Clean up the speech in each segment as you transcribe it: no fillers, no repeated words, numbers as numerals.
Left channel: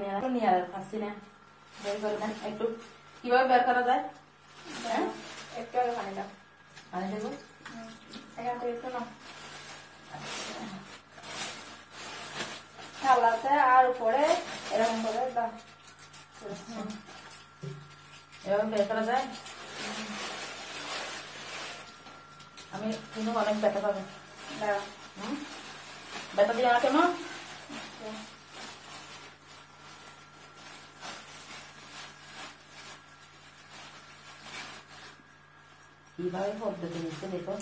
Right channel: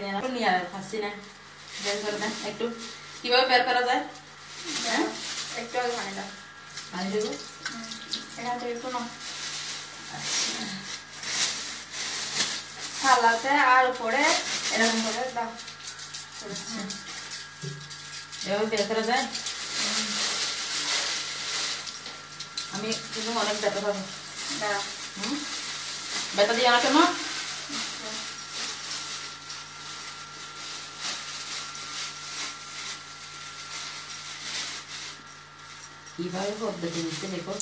নিয়ে আর পাচ্ছি না, বের করে দেন একটু, কিভাবে বের করা যায়? হ্যাঁ একটু আগে পানি দাও, পানি দেবো এখান থেকে শোনো থালাতে আর উপরে এরকম করে দাও। এভাবে বের করা যায়? আমি কিন্তু অনেক ব্যথা পাবো। দাঁড়াও, ব্যথা দিয়ে আমাকে না কিভাবে পদ্ধতি নিচ্ছে দেখো।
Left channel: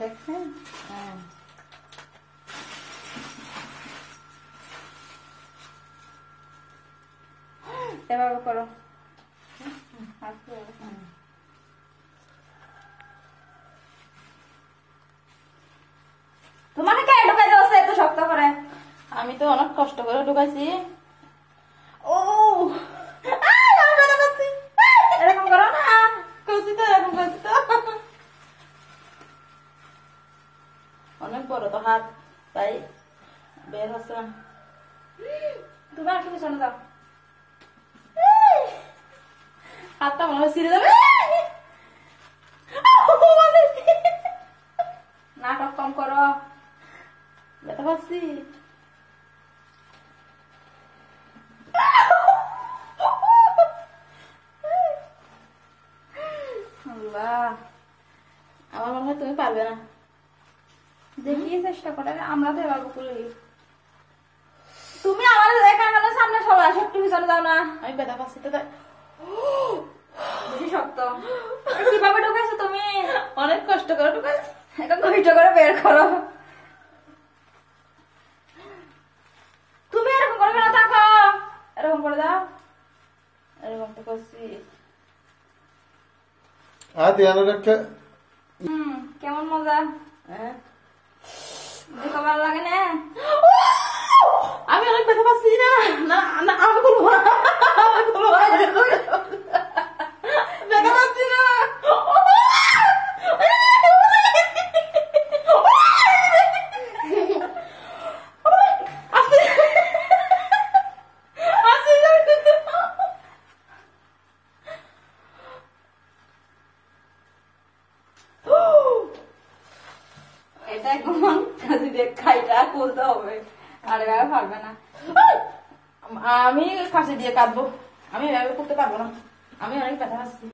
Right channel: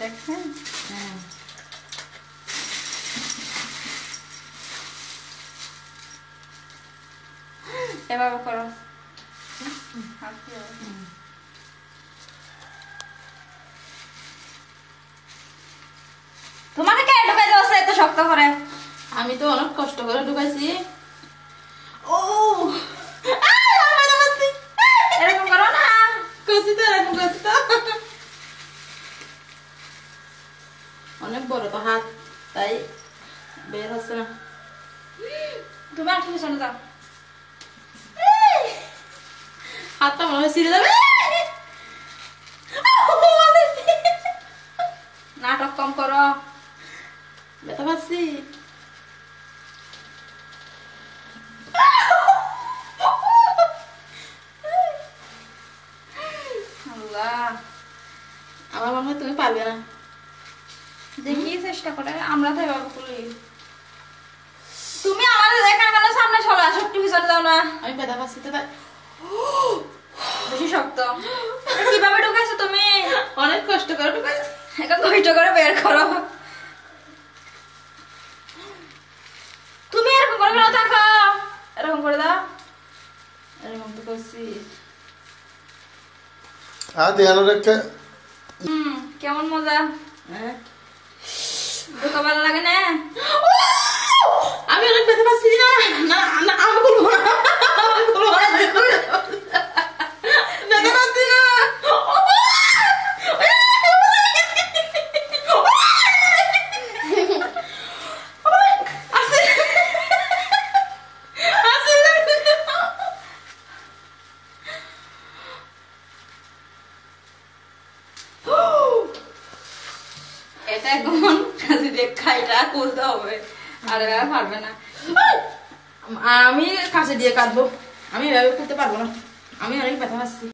দেখছেন? হ্যাঁ এভাবে করো, হাত দিয়ে। তোমাকে কে ঢুকাই দেওয়া এত শক্ত করে? আমি তো অনেক কষ্ট করে ঢুকাইছি। ও এরকম করো না, করছি তো, এরকম করছি তো, অনেক বড় তো হাত, তাই বের হচ্ছে না। তুমি আর তুমি শোনো যাও। হাতটা মনে হয় ছিঁড়ে যাবে। নাটক কম করো, ব্যথা পাচ্ছি। আল্লাহ আমার মনে হয় তুমি পারবে না। দেখি চেষ্টা করে, আমরা তো এভাবে করি। তুমি আমাদের এখানে কেন সামনে চলে আসো, একটু পিছনে যাও না। আমি ব্যথা পাচ্ছি তো, তাই বেশি শক্ত। এটা কিভাবে ঢুকাইছো তুমি? অনেক কষ্ট করে ঢুকাইছি। এটা কষ্ট করে বের করো। তুমি এরকম করে কেন থাকো? এরকম করে দাও। এরকম তো করছি। ধ্যান রেখে কেমন মজা? হ্যাঁ ঢুকা ভালো লাগে না? আমি অনেক ব্যথা পাচ্ছি। না না না, আমি বলবো না, আমি বলবো না, ব্যথা পাচ্ছি না। এটা এখন কাজে দিয়ে খাইটা করতে হবে, আর এবার পারবে না। আমি কাছে দিয়ে কাঁদবো, আমি এভাবে করতে পারবো না, আমি অনেক ব্যথা পাচ্ছি।